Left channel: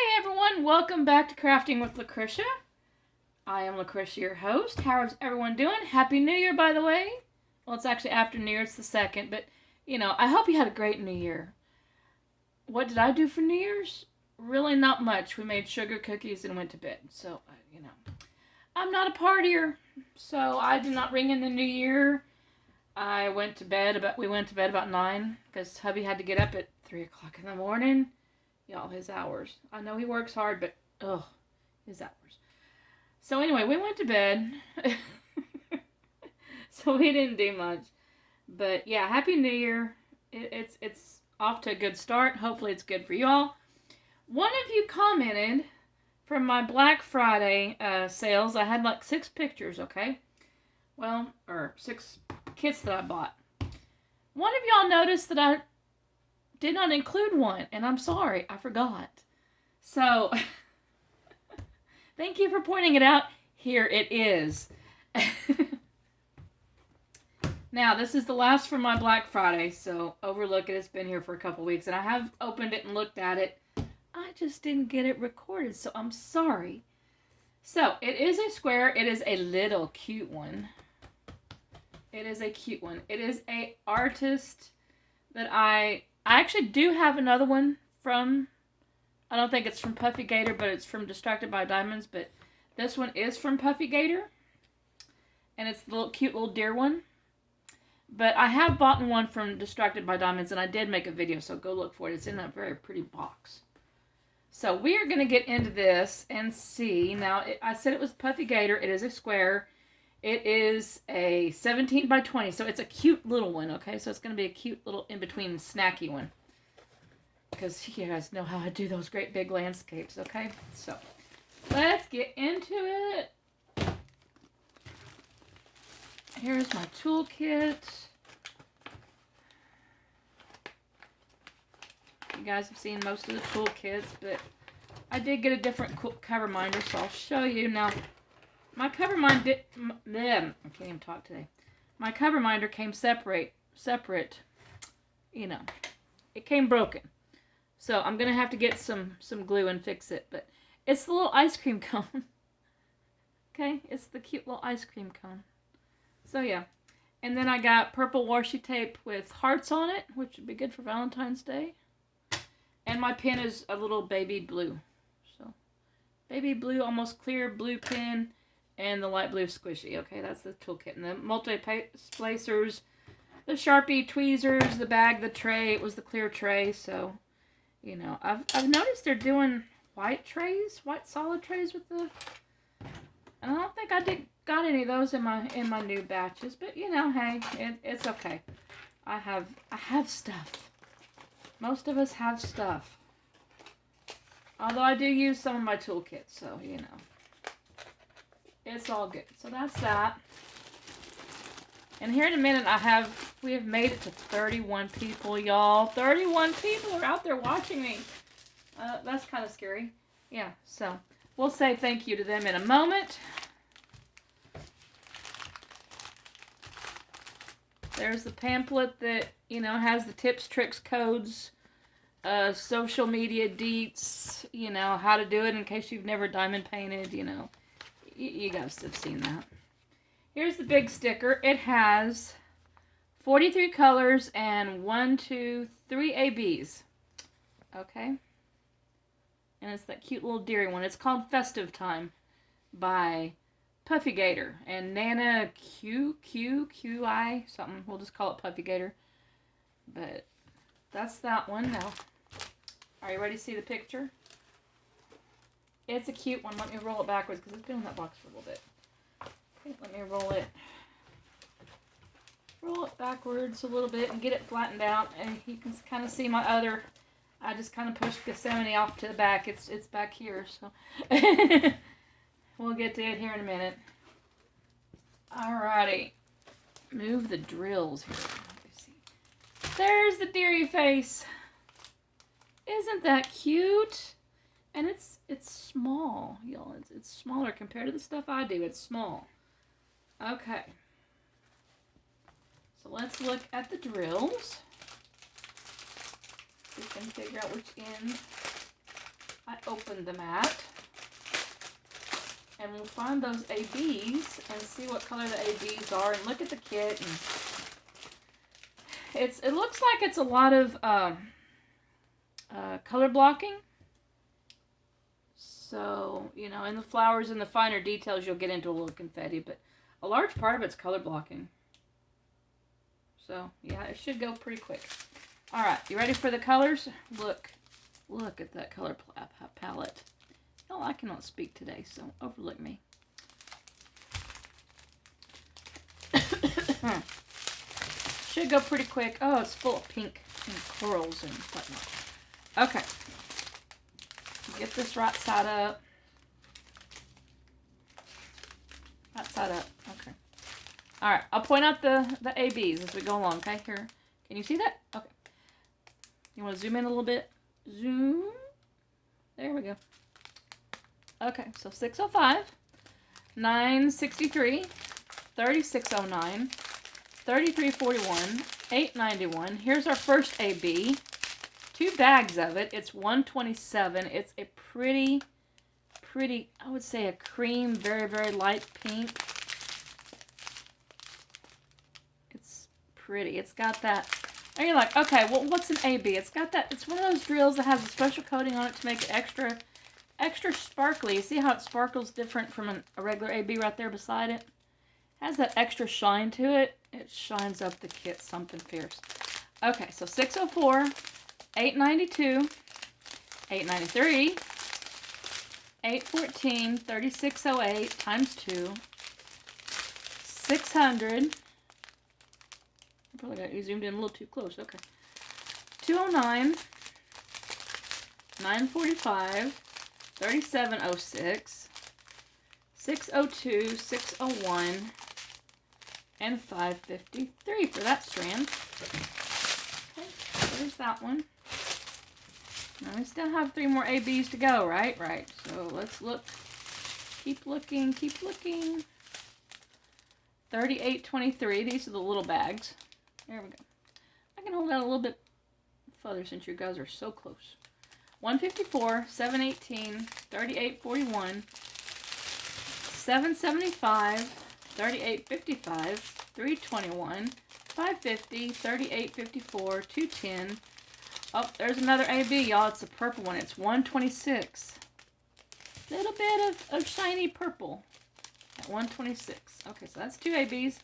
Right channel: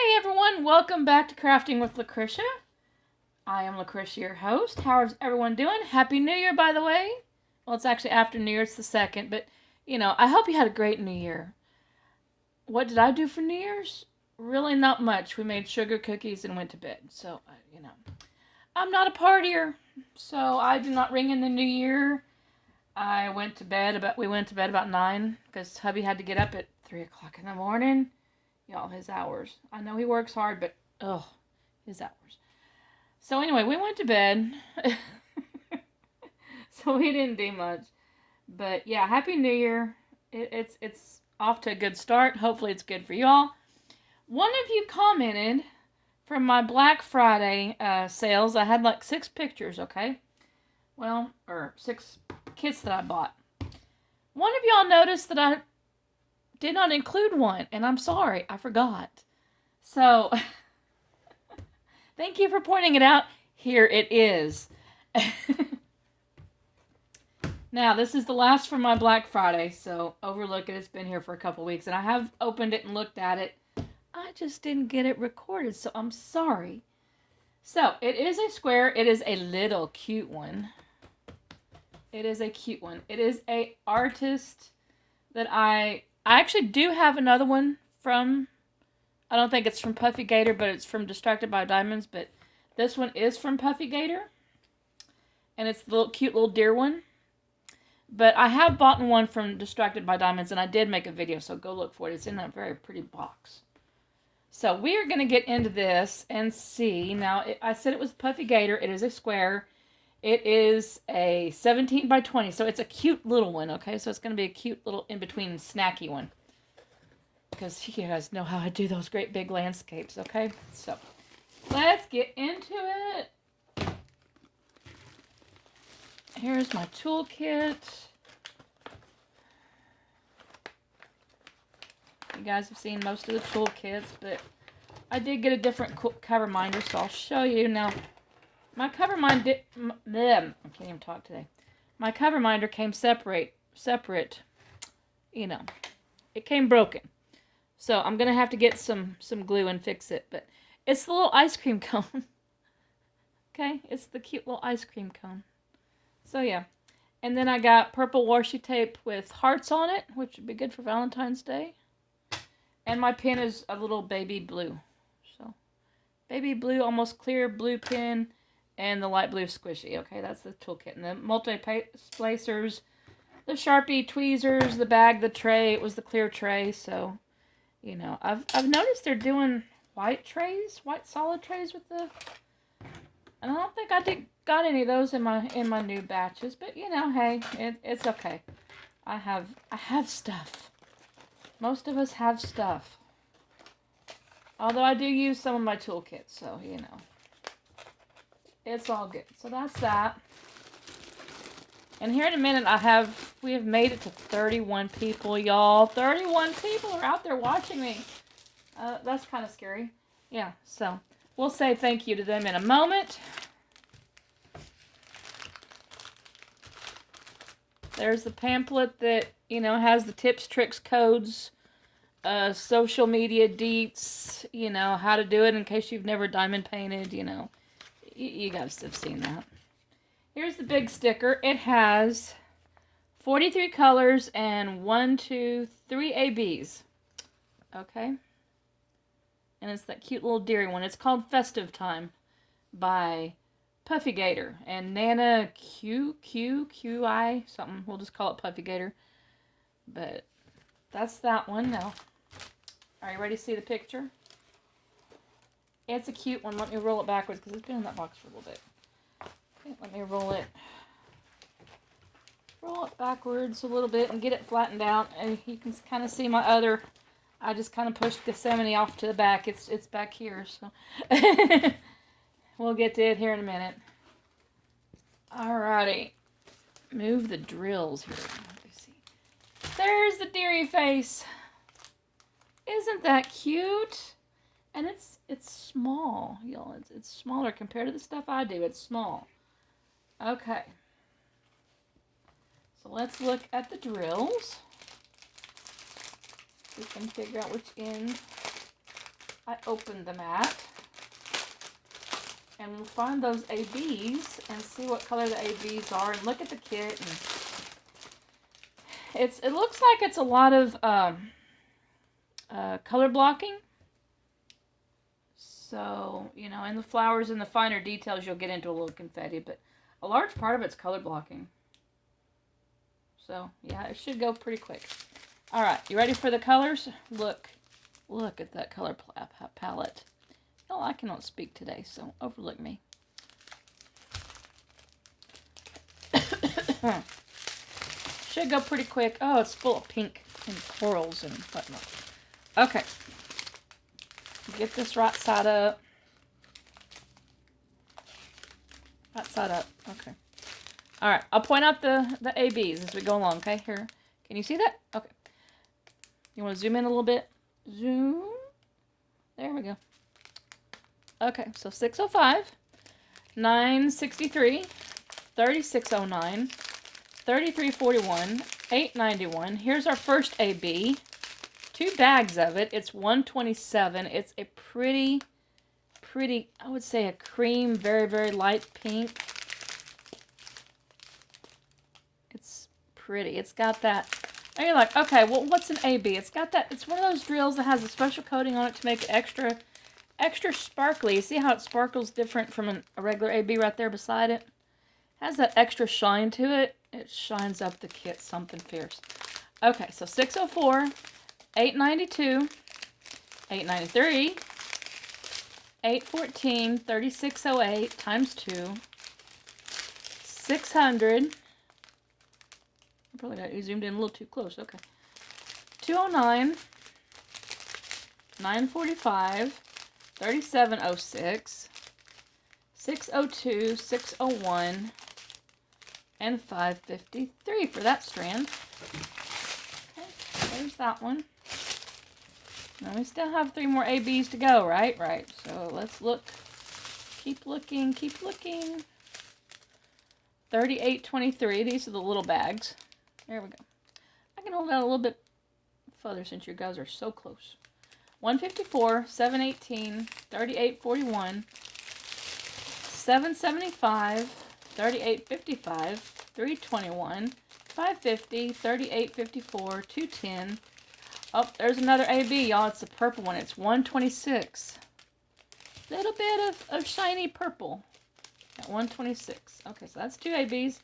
Hey everyone, welcome back to Crafting with Lucretia. I am Lucretia, your host. How's everyone doing? Happy New Year, by the way. Well, it's actually after New Year, it's the 2nd, but I hope you had a great New Year. What did I do for New Year's? Really not much. We made sugar cookies and went to bed. So, I'm not a partier, so I did not ring in the New Year. We went to bed about 9 because hubby had to get up at 3 o'clock in the morning. Y'all, his hours. I know he works hard, but, his hours. So anyway, we went to bed. So we didn't do much. But yeah, Happy New Year. It's off to a good start. Hopefully it's good for y'all. One of you commented from my Black Friday sales. I had like 6 pictures, okay? Well, or 6 kits that I bought. One of y'all noticed that I did not include one, and I'm sorry, I forgot. So, thank you for pointing it out. Here it is. Now, this is the last from my Black Friday, so overlook it. It's been here for a couple weeks, and I have opened it and looked at it. I just didn't get it recorded, so I'm sorry. So, it is a square. It is a little cute one. It is a cute one. It is a artist that I actually do have another one from, I don't think it's from Puffy Gator, but it's from Distracted by Diamonds, but this one is from Puffy Gator, and it's the little cute little deer one. But I have bought one from Distracted by Diamonds, and I did make a video, so go look for it. It's in a very pretty box. So we are going to get into this and see. Now, I said it was Puffy Gator. It is a square. It is a 17 by 20, so it's a cute little one, okay? So it's going to be a cute little in-between snacky one. Because you guys know how I do those great big landscapes, okay? So, let's get into it. Here's my toolkit. You guys have seen most of the toolkits, but I did get a different cover minder, so I'll show you. Now, my cover minder I can't even talk today. My cover minder came separate. It came broken. So I'm going to have to get some glue and fix it. But it's the little ice cream cone. Okay? It's the cute little ice cream cone. So yeah. And then I got purple washi tape with hearts on it, which would be good for Valentine's Day. And my pen is a little baby blue. So, baby blue, almost clear blue pen. And the light blue squishy. Okay, that's the toolkit. And the multi-placers, the Sharpie tweezers, the bag, the tray. It was the clear tray. So, I've noticed they're doing white solid trays with the. I don't think I got any of those in my new batches, but hey, it's okay. I have stuff. Most of us have stuff. Although I do use some of my toolkits, so it's all good. So that's that. And here in a minute, we have made it to 31 people, y'all. 31 people are out there watching me. That's kind of scary. Yeah, so we'll say thank you to them in a moment. There's the pamphlet that, has the tips, tricks, codes, social media deets, how to do it in case you've never diamond painted, You guys have seen that. Here's the big sticker. It has 43 colors and 3 ABs. Okay? And it's that cute little deer one. It's called Festive Time by Puffy Gator and Nana QI something. We'll just call it Puffy Gator. But that's that one now. Are you ready to see the picture? It's a cute one. Let me roll it backwards because it's been in that box for a little bit. Okay, let me roll it backwards a little bit and get it flattened out. And you can kind of see my other. I just kind of pushed Gethsemane off to the back. It's back here, so we'll get to it here in a minute. Alrighty, move the drills here. Let me see. There's the deery face. Isn't that cute? And it's small, y'all. It's smaller compared to the stuff I do. It's small. Okay. So let's look at the drills. We can figure out which end I open the mat. And we'll find those ABs and see what color the ABs are and look at the kit. And it looks like it's a lot of color blocking. So, you know, in the flowers and the finer details, you'll get into a little confetti, but a large part of it's color blocking. So, yeah, it should go pretty quick. All right, you ready for the colors? Look at that color palette. Oh, I cannot speak today, so overlook me. Should go pretty quick. Oh, it's full of pink and corals and whatnot. Okay. Get this right side up. Right side up. Okay. All right. I'll point out the ABs as we go along. Okay. Here. Can you see that? Okay. You want to zoom in a little bit? Zoom. There we go. Okay. So 605, 963, 3609, 3341, 891. Here's our first AB. 2 bags of it. It's 127. It's a pretty, I would say a cream, very, very light pink. It's pretty. It's got that. And you're like, okay, well, what's an AB? It's got that. It's one of those drills that has a special coating on it to make it extra sparkly. You see how it sparkles different from a regular AB right there beside it? It has that extra shine to it. It shines up the kit something fierce. Okay, so 604. 892, 893, 814, 3608 times 2, 600, probably got you zoomed in a little too close, okay, 209, 945, 3706, 602, 601, and 553 for that strand. Okay, there's that one. Now we still have 3 more ABs to go, right? Right. So let's look. Keep looking. Keep looking. 3823. These are the little bags. There we go. I can hold that a little bit further since you guys are so close. 154, 718, 3841, 775, 3855, 321, 550, 3854, 210. Oh, there's another AB, y'all. It's the purple one. It's 126. Little bit of shiny purple at 126. Okay, so that's 2 ABs.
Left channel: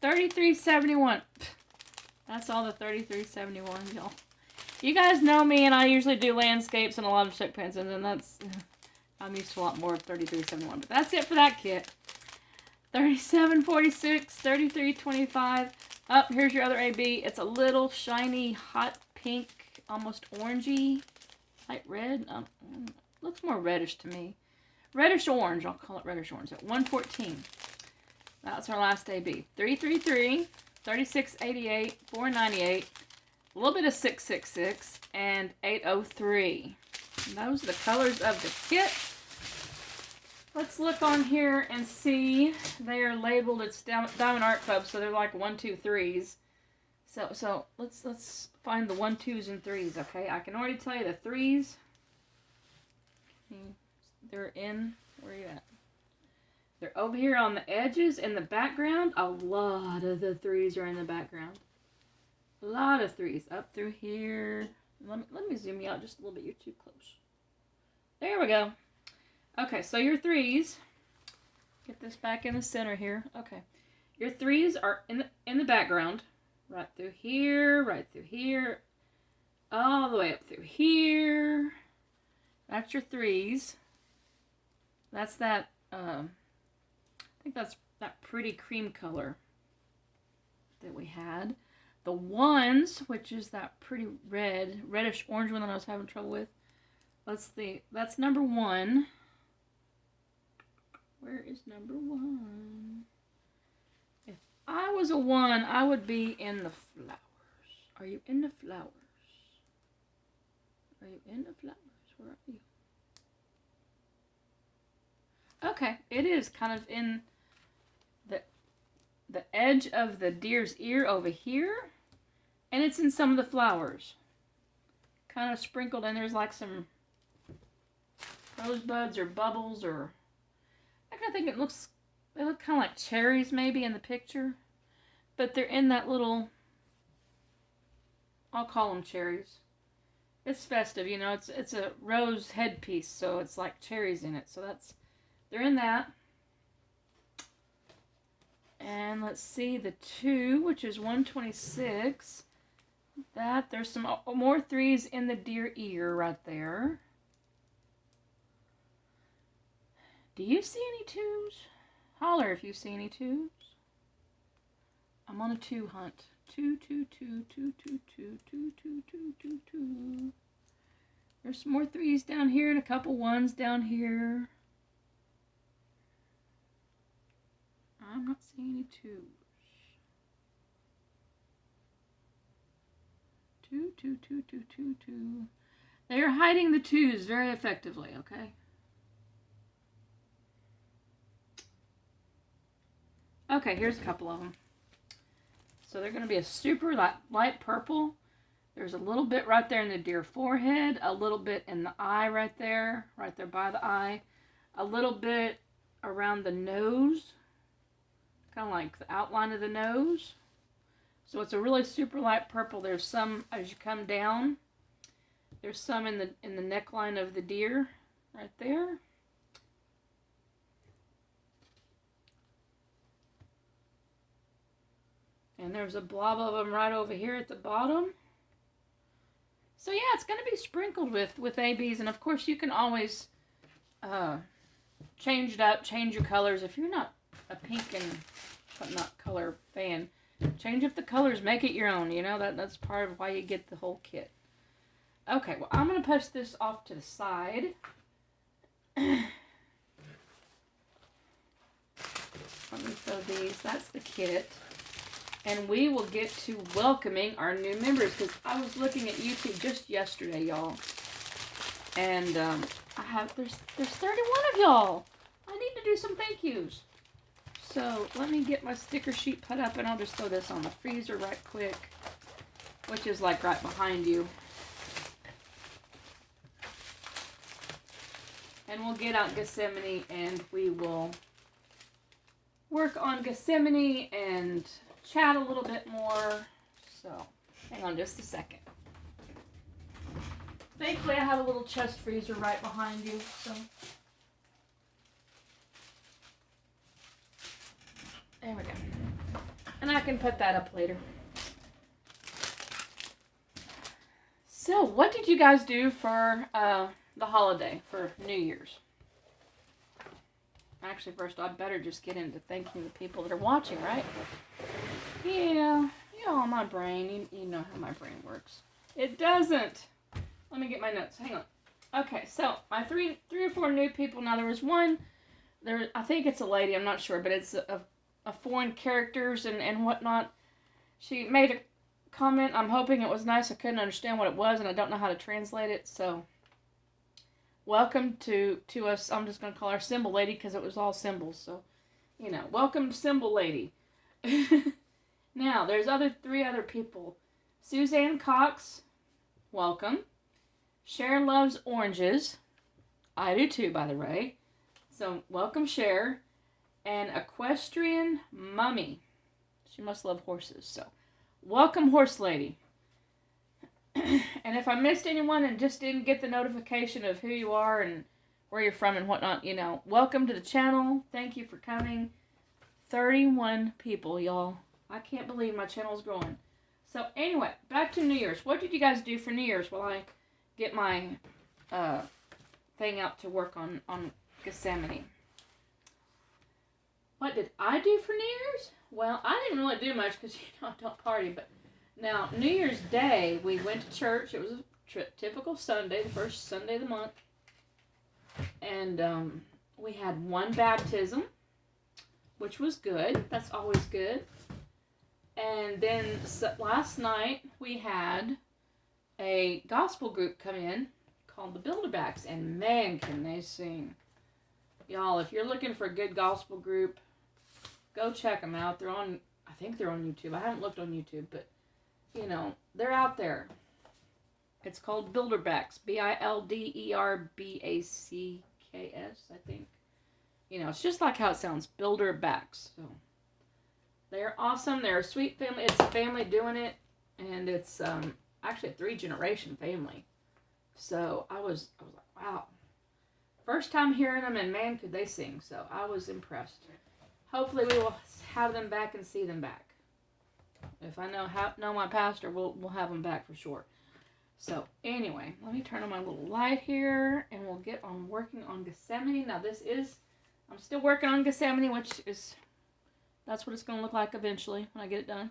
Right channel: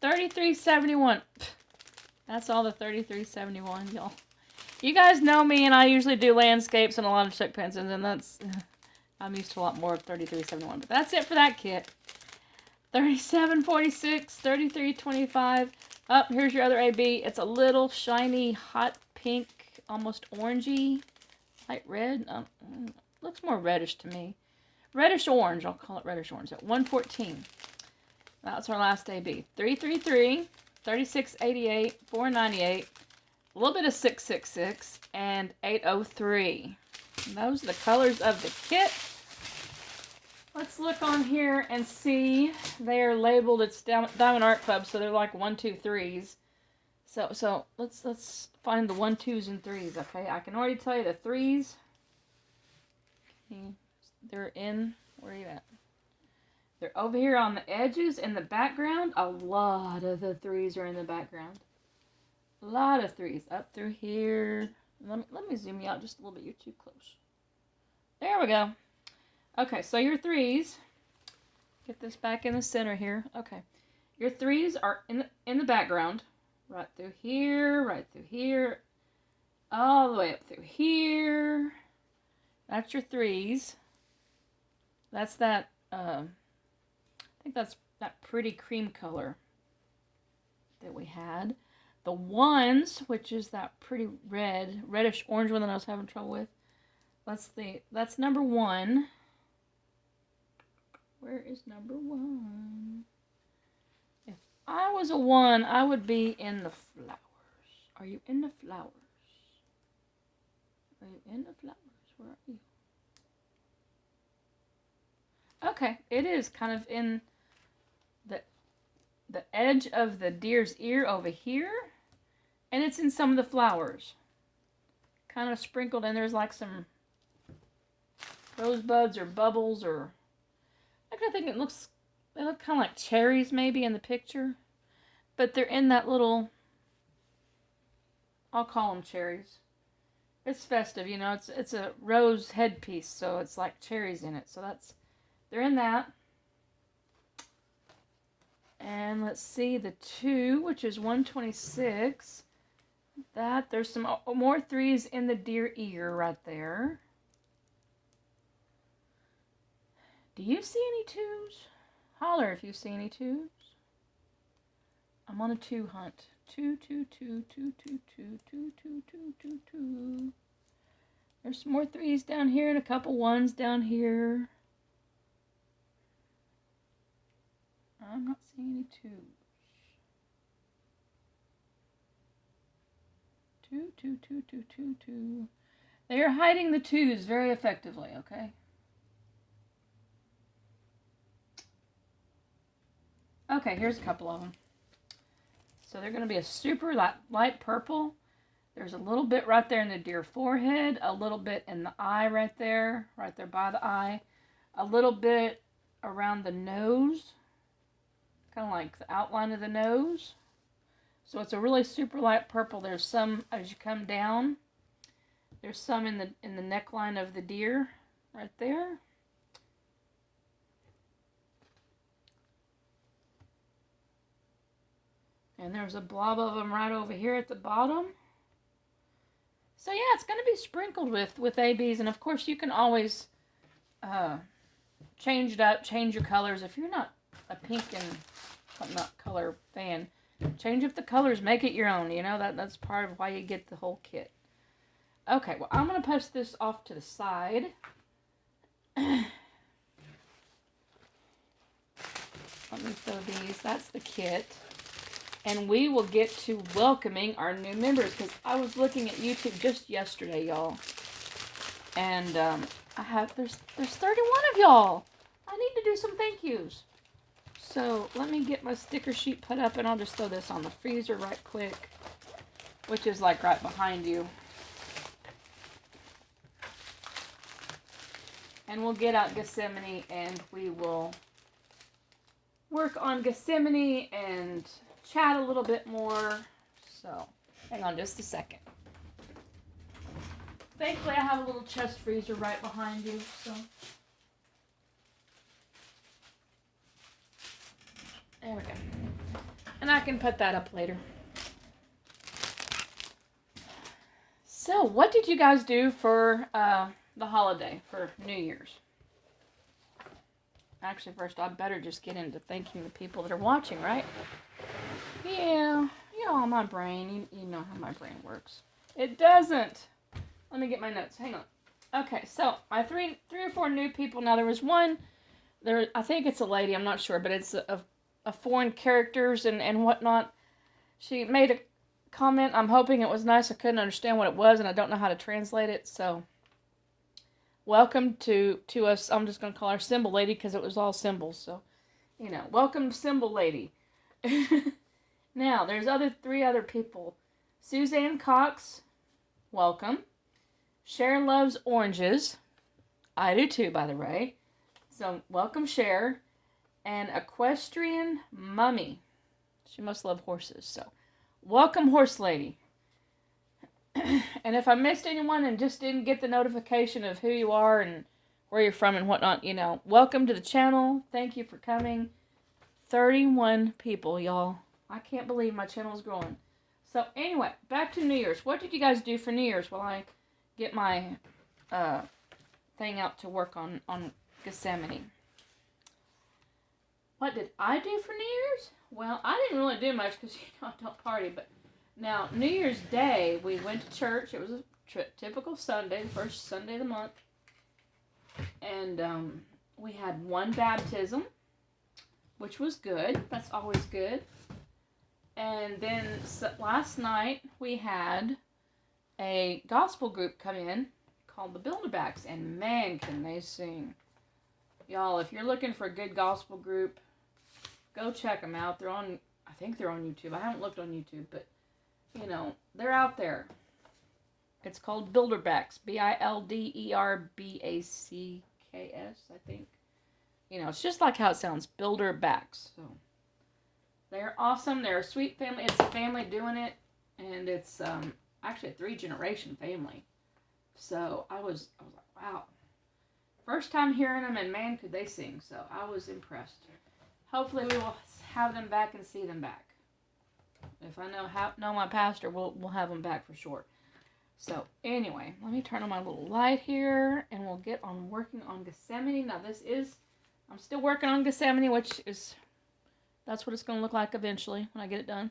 3371. That's all the 3371, y'all. You guys know me, and I usually do landscapes and a lot of chick pens, and that's... I'm used to a lot more of 3371. But that's it for that kit. 3746, 3325. Oh, here's your other AB. It's a little shiny, hot pink, almost orangey, light red. Looks more reddish to me. Reddish orange. I'll call it reddish orange. At 114. That's our last AB. 333, 3688, 498, a little bit of 666, and 803. And those are the colors of the kit. Let's look on here and see. They're labeled. It's Diamond Art Club, so they're like 1, 2, 3s. So let's find the 1, 2s, and 3s. Okay, I can already tell you the 3s. They're in. Where are you at? They're over here on the edges in the background. A lot of the 3s are in the background. A lot of 3s up through here. Let me zoom you out just a little bit. You're too close. There we go. Okay, so your 3s. Get this back in the center here. Okay, your 3s are in the background. Right through here, all the way up through here. That's your 3s. That's that, I think that's that pretty cream color that we had. The 1s, which is that pretty reddish orange one that I was having trouble with. That's number 1. Where is number 1? If I was a 1, I would be in the flowers. Are you in the flowers? Are you in the flowers? Where are you? Okay, it is kind of in the edge of the deer's ear over here, and it's in some of the flowers. Kind of sprinkled, and there's like some rosebuds or bubbles, or I think they look kind of like cherries maybe in the picture, but they're in that little, I'll call them cherries. It's festive, you know. It's a rose headpiece, so it's like cherries in it. So they're in that. And let's see, the 2, which is 126. There's some more 3s in the deer ear right there. Do you see any 2s? Holler if you see any 2s. I'm on a 2 hunt. 2, 2, 2, 2, 2, 2, 2, 2, 2, 2, 2. There's some more 3s down here and a couple 1s down here. I'm not seeing any 2s. 2, 2, 2, 2, 2, 2. They are hiding the 2s very effectively, okay? Okay, here's a couple of them. So they're going to be a super light purple. There's a little bit right there in the deer forehead, a little bit in the eye right there by the eye, a little bit around the nose, kind of like the outline of the nose. So it's a really super light purple. There's some as you come down. There's some in the neckline of the deer right there. And there's a blob of them right over here at the bottom. So yeah, it's going to be sprinkled with ABs. And of course you can always change it up, change your colors. If you're not a pink and not color fan, change up the colors, make it your own. You know, that's part of why you get the whole kit. Okay, well, I'm going to push this off to the side. Let me fill these. That's the kit. And we will get to welcoming our new members, because I was looking at YouTube just yesterday, y'all. And there's 31 of y'all. I need to do some thank yous. So let me get my sticker sheet put up, and I'll just throw this on the freezer right quick, which is like right behind you. And we'll get out Gethsemane, and we will work on Gethsemane and chat a little bit more. So hang on just a second. Thankfully I have a little chest freezer right behind you, so there we go. And I can put that up later. So what did you guys do for the holiday, for New Year's? Actually, first I'd better just get into thanking the people that are watching, right? Yeah, my brain. You know how my brain works. It doesn't. Let me get my notes. Hang on. Okay, so my three or four new people. Now there was one. I think it's a lady. I'm not sure, but it's a foreign characters and whatnot. She made a comment. I'm hoping it was nice. I couldn't understand what it was, and I don't know how to translate it. So welcome to us. I'm just gonna call her Symbol Lady because it was all symbols. So, you know, welcome Symbol Lady. Now, there's three other people. Suzanne Cox, welcome. Cher loves oranges. I do too, by the way. So, welcome, Cher. And Equestrian Mummy. She must love horses, so welcome, Horse Lady. And if I missed anyone and just didn't get the notification of who you are and where you're from and whatnot, you know, welcome to the channel. Thank you for coming. 31 people, y'all. I can't believe my channel's growing. So anyway, back to New Year's. What did you guys do for New Year's while I get my thing out to work on Gethsemane? What did I do for New Year's? Well, I didn't really do much because, you know, I don't party. But now, New Year's Day, we went to church. It was a typical Sunday, the first Sunday of the month. And we had one baptism, which was good. That's always good. And then last night, we had a gospel group come in called the Builderbacks. And man, can they sing. Y'all, if you're looking for a good gospel group, go check them out. I think they're on YouTube. I haven't looked on YouTube, but, you know, they're out there. It's called Builderbacks. Bilderbacs. KS, I think. It's just like how it sounds, Builder Backs. So they're awesome. They're a sweet family. It's a family doing it, and it's actually a 3-generation family. So I was like, wow. First time hearing them, and man, could they sing. So I was impressed. Hopefully we will have them back and see them back. If I know my pastor, we'll have them back for sure. So anyway, let me turn on my little light here, and we'll get on working on Gethsemane. Now I'm still working on Gethsemane, that's what it's going to look like eventually when I get it done.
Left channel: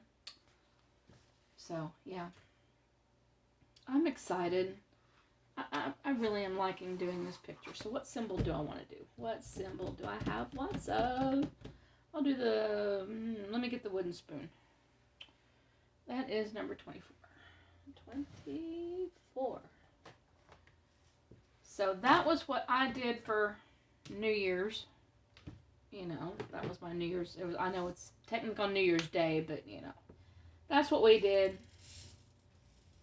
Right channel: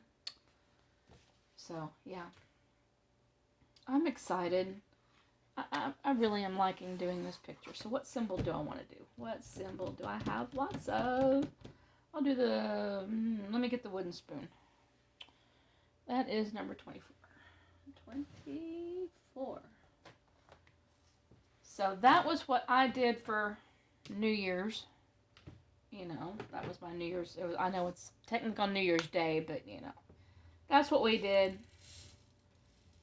So yeah, I'm excited. I really am liking doing this picture. So what symbol do I want to do? What symbol do I have lots of? I'll do let me get the wooden spoon. That is number 24. 24. So that was what I did for New Year's. That was my New Year's. I know it's technically on New Year's Day, but that's what we did.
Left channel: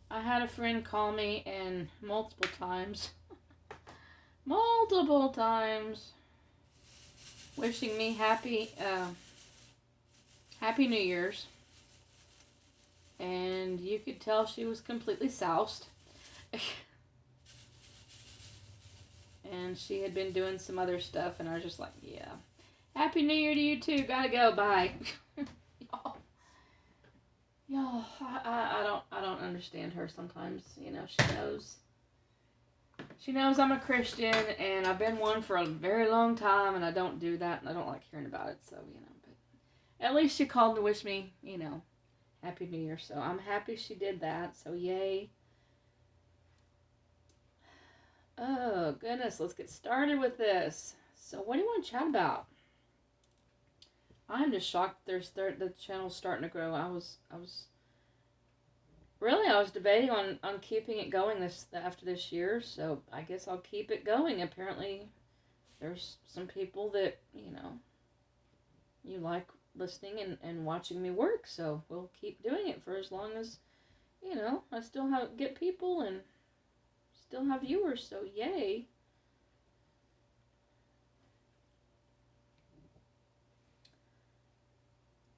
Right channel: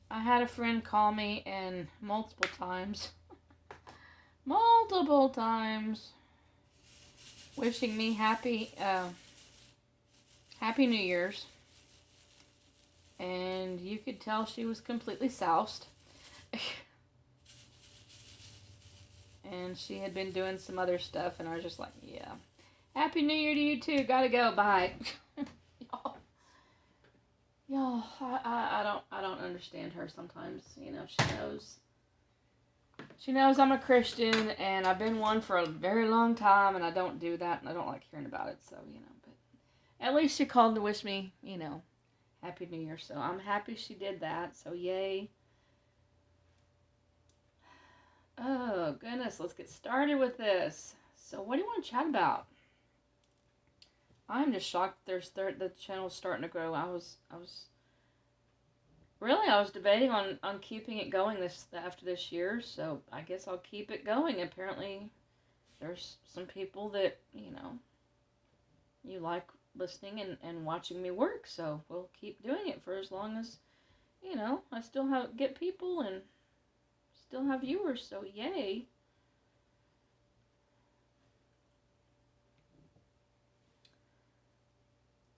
I had a friend call me and multiple times, wishing me happy New Year's. And you could tell she was completely soused. And she had been doing some other stuff, and I was just like, yeah. Happy New Year to you too. Gotta go. Bye. Y'all, I don't understand her sometimes. She knows I'm a Christian, and I've been one for a very long time, and I don't do that, and I don't like hearing about it. So but at least she called to wish me, Happy New Year. So I'm happy she did that. So yay. Oh goodness, let's get started with this. So what do you want to chat about? I'm just shocked the channel's starting to grow. I was debating on keeping it going after this year, so I guess I'll keep it going. Apparently there's some people that, you like listening and watching me work, so we'll keep doing it for as long as, I still get people and still have viewers, so yay.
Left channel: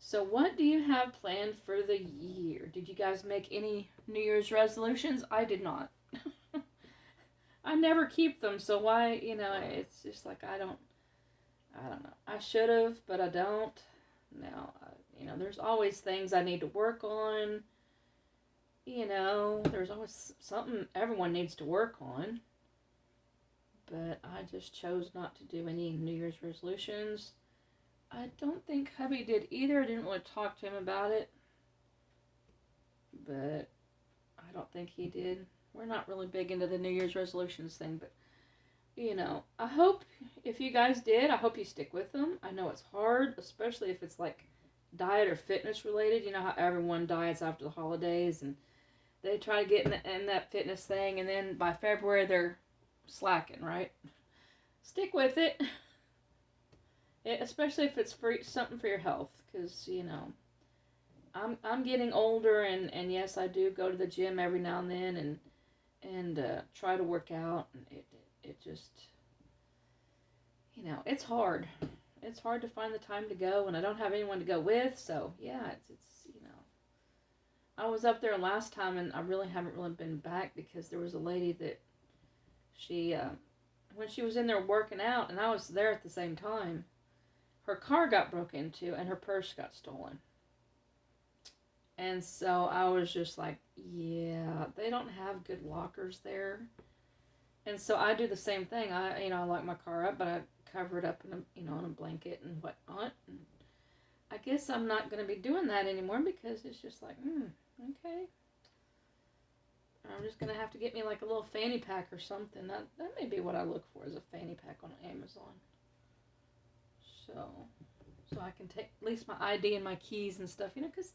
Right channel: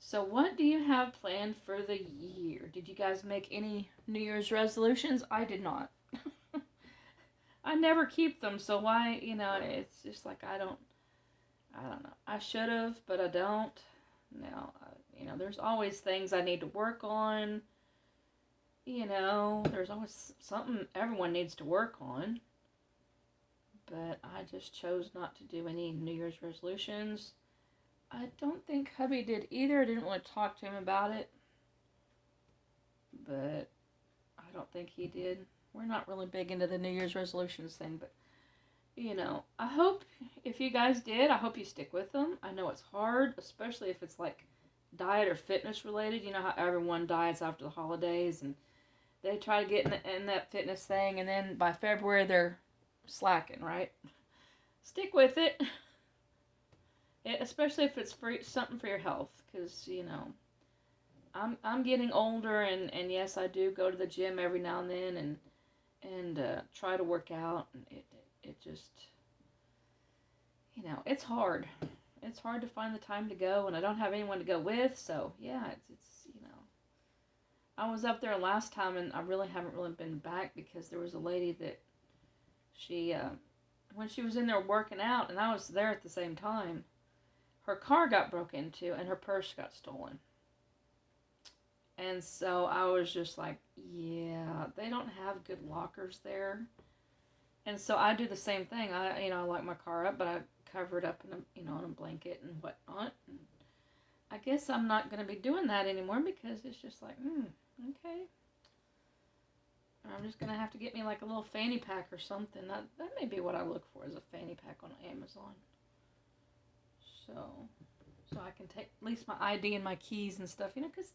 So what do you have planned for the year? Did you guys make any New Year's resolutions? I did not. I never keep them, so why, it's just like I don't know. I should have, but I don't. Now, there's always things I need to work on. There's always something everyone needs to work on. But I just chose not to do any New Year's resolutions. I don't think hubby did either. I didn't want to talk to him about it. But I don't think he did. We're not really big into the New Year's resolutions thing, but I hope if you guys did, I hope you stick with them. I know it's hard, especially if it's like diet or fitness related. You know how everyone diets after the holidays and they try to get in that fitness thing, and then by February they're slacking, right? Stick with it. Especially if it's for something for your health, because I'm getting older, and yes, I do go to the gym every now and then and try to work out, and it just it's hard. It's hard to find the time to go, and I don't have anyone to go with, so yeah, it's I was up there last time, and I really haven't been back because there was a lady that she when she was in there working out, and I was there at the same time. Her car got broke into and her purse got stolen. And so I was just like, yeah, they don't have good lockers there. And so I do the same thing. I lock my car up, but I cover it up in a blanket and whatnot. And I guess I'm not going to be doing that anymore because it's just like, okay. I'm just going to have to get me like a little fanny pack or something. That may be what I look for, is a fanny pack on Amazon. So I can take at least my ID and my keys and stuff, because,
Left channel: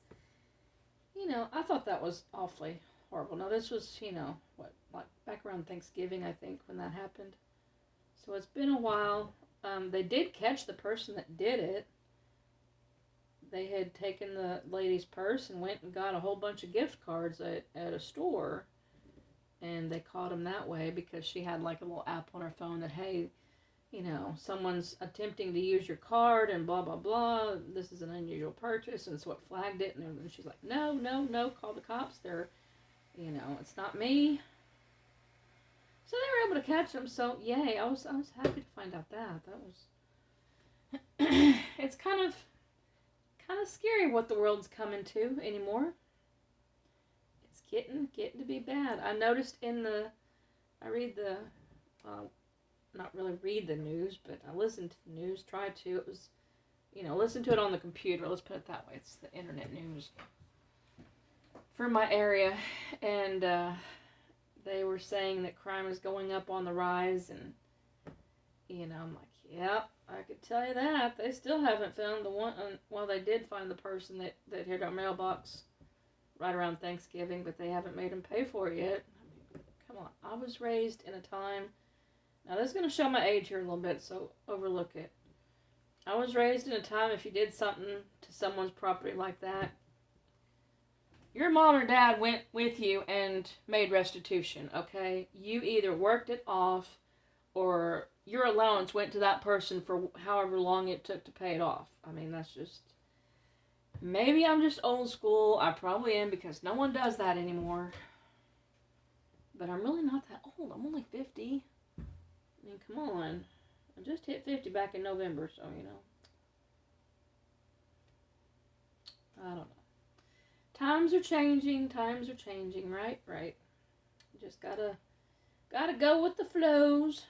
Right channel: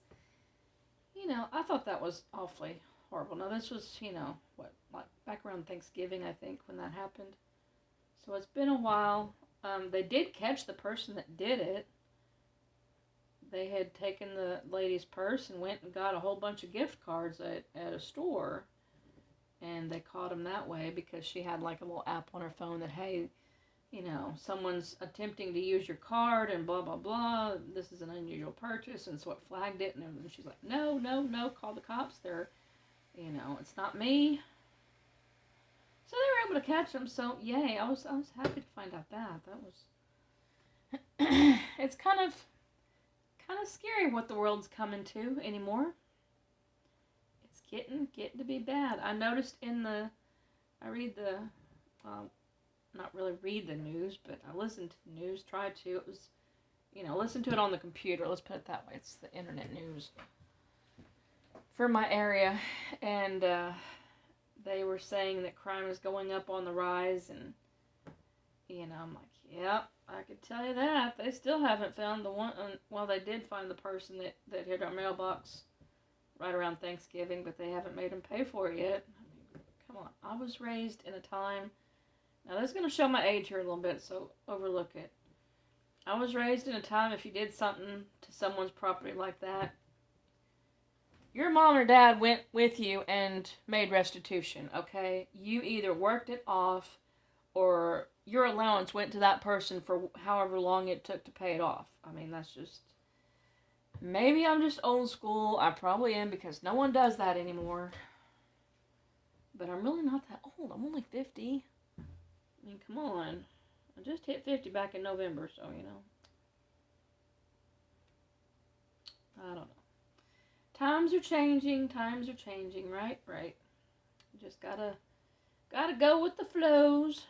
I thought that was awfully horrible. Now, this was, like back around Thanksgiving, I think, when that happened. So it's been a while. They did catch the person that did it. They had taken the lady's purse and went and got a whole bunch of gift cards at a store. And they caught him that way because she had like a little app on her phone that, hey, someone's attempting to use your card and blah, blah, blah. This is an unusual purchase, and so it flagged it. And then she's like, no, no, no, call the cops. It's not me. So they were able to catch them. So, yay, I was happy to find out that. It's kind of scary what the world's coming to anymore. It's getting to be bad. I noticed I read the, not really read the news, but I listened to the news, tried to. It was, listen to it on the computer. Let's put it that way. It's the internet news for my area. And they were saying that crime is going up on the rise. And, I'm like, yep, I could tell you that. They still haven't found the one. Well, they did find the person that hit our mailbox right around Thanksgiving, but they haven't made him pay for it yet. I mean, come on. I was raised in a time. Now, this is going to show my age here a little bit, so overlook it. I was raised in a time if you did something to someone's property like that, your mom or dad went with you and made restitution, okay? You either worked it off or your allowance went to that person for however long it took to pay it off. I mean, that's just... Maybe I'm just old school. I probably am because no one does that anymore. But I'm really not that old. I'm only 50. I mean, come on. I just hit 50 back in November, so, I don't know. Times are changing, right? Right. Just gotta go with the flows.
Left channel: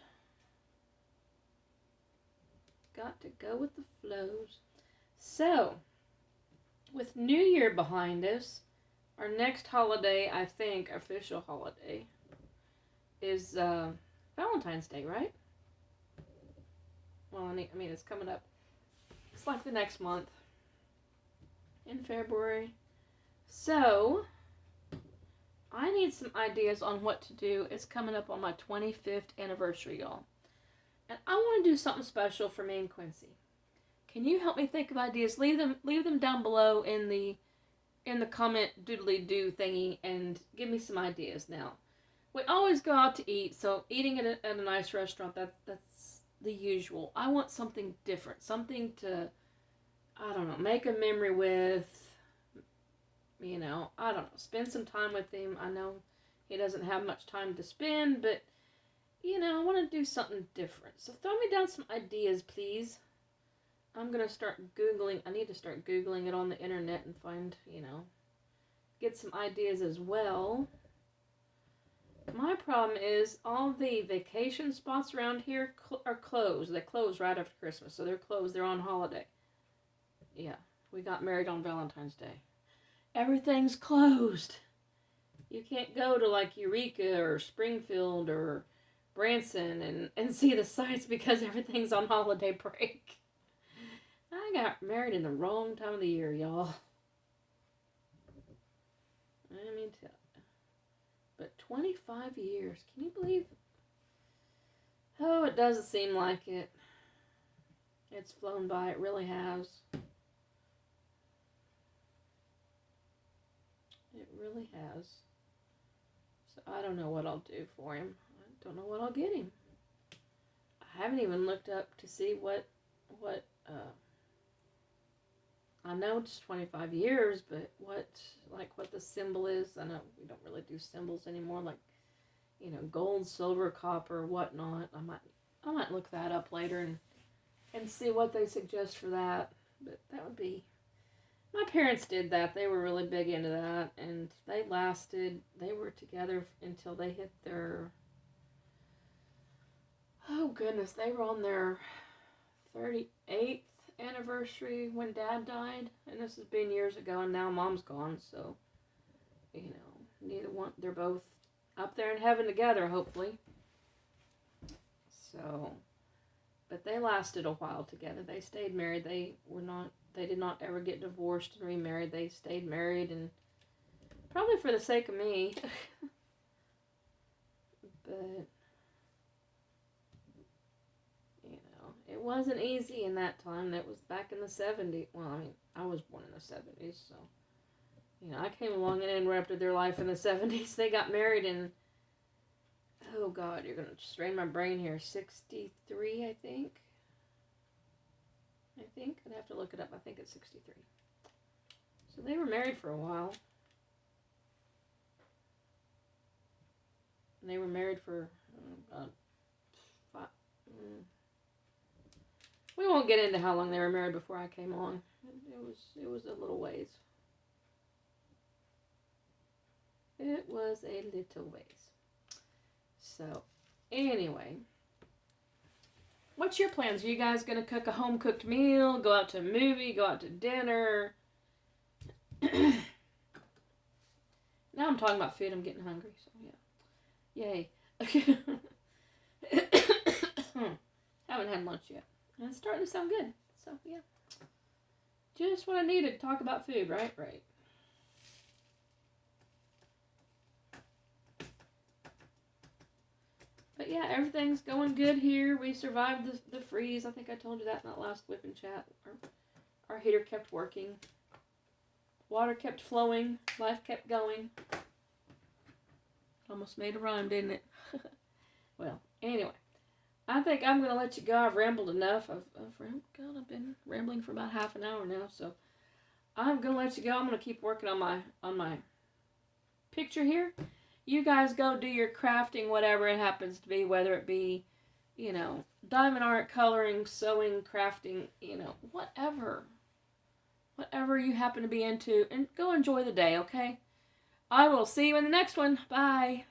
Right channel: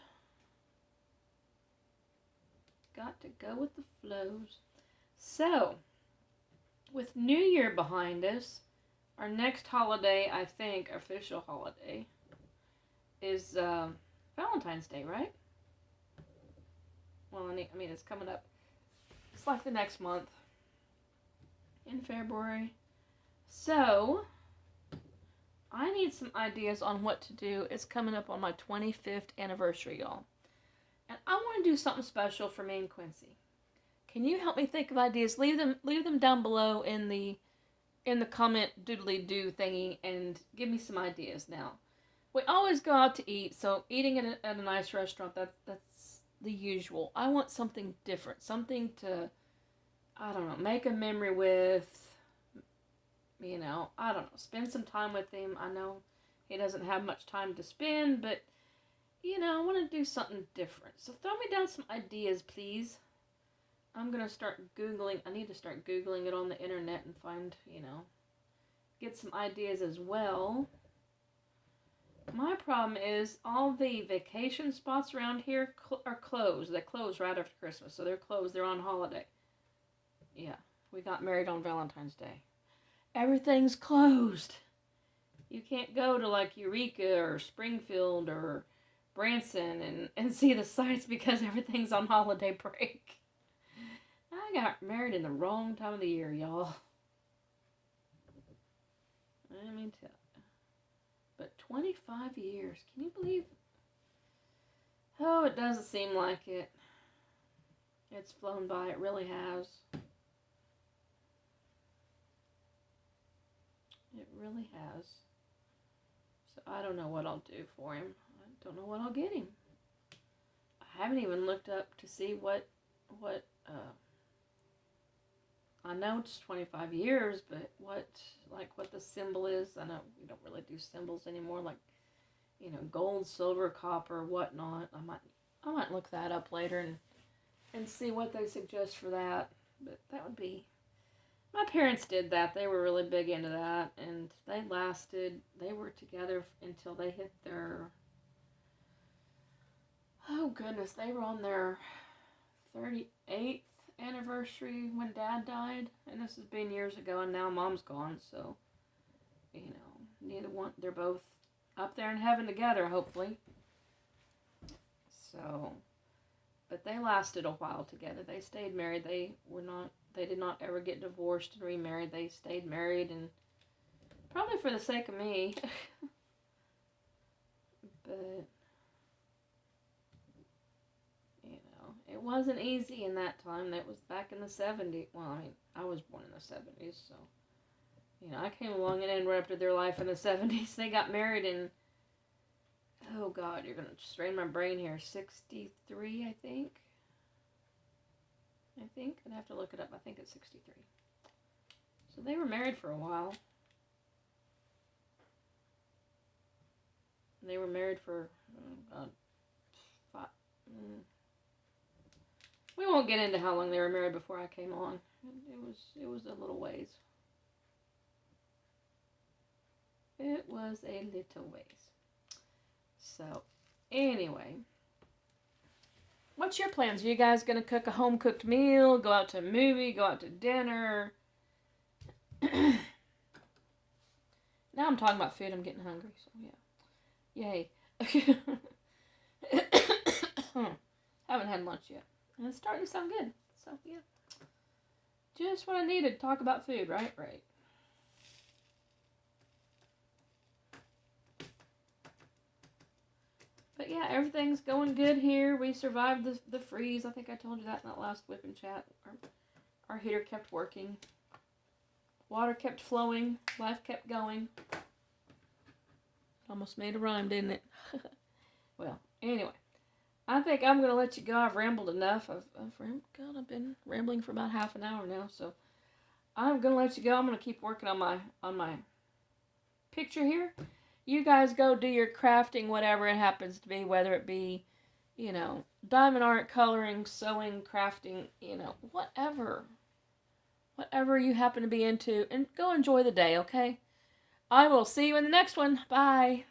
Got to go with the flows. So, with New Year behind us, our next holiday, I think, official holiday, is Valentine's Day, right? Well, I mean, it's coming up. It's like the next month. In February. So, I need some ideas on what to do. It's coming up on my 25th anniversary, y'all. And I want to do something special for me and Quincy. Can you help me think of ideas? Leave them down below in the comment doodly-doo thingy and give me some ideas now. We always go out to eat, so eating at a nice restaurant, that's the usual. I want something different, something to, I don't know, make a memory with, I don't know, spend some time with him. I know he doesn't have much time to spend, but, I want to do something different. So throw me down some ideas, please. I'm going to start Googling. I need to start Googling it on the internet and find, get some ideas as well. My problem is all the vacation spots around here are closed. They close right after Christmas, so they're closed. They're on holiday. Yeah, we got married on Valentine's Day. Everything's closed. You can't go to like Eureka or Springfield or Branson and see the sights because everything's on holiday break. I got married in the wrong time of the year, y'all. Let me tell you. But 25 years. Can you believe? Oh, it doesn't seem like it. It's flown by. It really has. It really has. So I don't know what I'll do for him. I don't know what I'll get him. I haven't even looked up to see what I know it's 25 years, but what the symbol is. I know we don't really do symbols anymore, like, gold, silver, copper, whatnot. I might look that up later and see what they suggest for that. But that would be, my parents did that. They were really big into that, and they were together until they hit their, oh goodness, they were on their 38th anniversary when Dad died, and this has been years ago, and now Mom's gone, so, neither one, they're both up there in heaven together, hopefully. So, but they lasted a while together. They stayed married. They did not ever get divorced and remarried. They stayed married, and probably for the sake of me. But it wasn't easy in that time. That was back in the 70s. Well, I mean, I was born in the 70s, so, I came along and interrupted their life in the 70s. They got married in, Oh God, you're gonna strain my brain here. 63, I think. I'd have to look it up. I think it's 63. So they were married for a while. And they were married for, oh God, we won't get into how long they were married before I came on. It was a little ways. It was a little ways. So, anyway, what's your plans? Are you guys going to cook a home-cooked meal, go out to a movie, go out to dinner? Now I'm talking about food. I'm getting hungry, so yeah. Yay. Haven't had lunch yet. And it's starting to sound good. So, yeah. Just what I needed to talk about food, right? Right. But yeah, everything's going good here. We survived the freeze. I think I told you that in that last whipping chat. Our heater kept working. Water kept flowing. Life kept going. Almost made a rhyme, didn't it? Well, anyway. I think I'm going to let you go. I've rambled enough. I've been rambling for about half an hour now. So I'm going to let you go. I'm going to keep working on my picture here. You guys go do your crafting, whatever it happens to be, whether it be, diamond art, coloring, sewing, crafting, whatever you happen to be into, and go enjoy the day, okay? I will see you in the next one. Bye.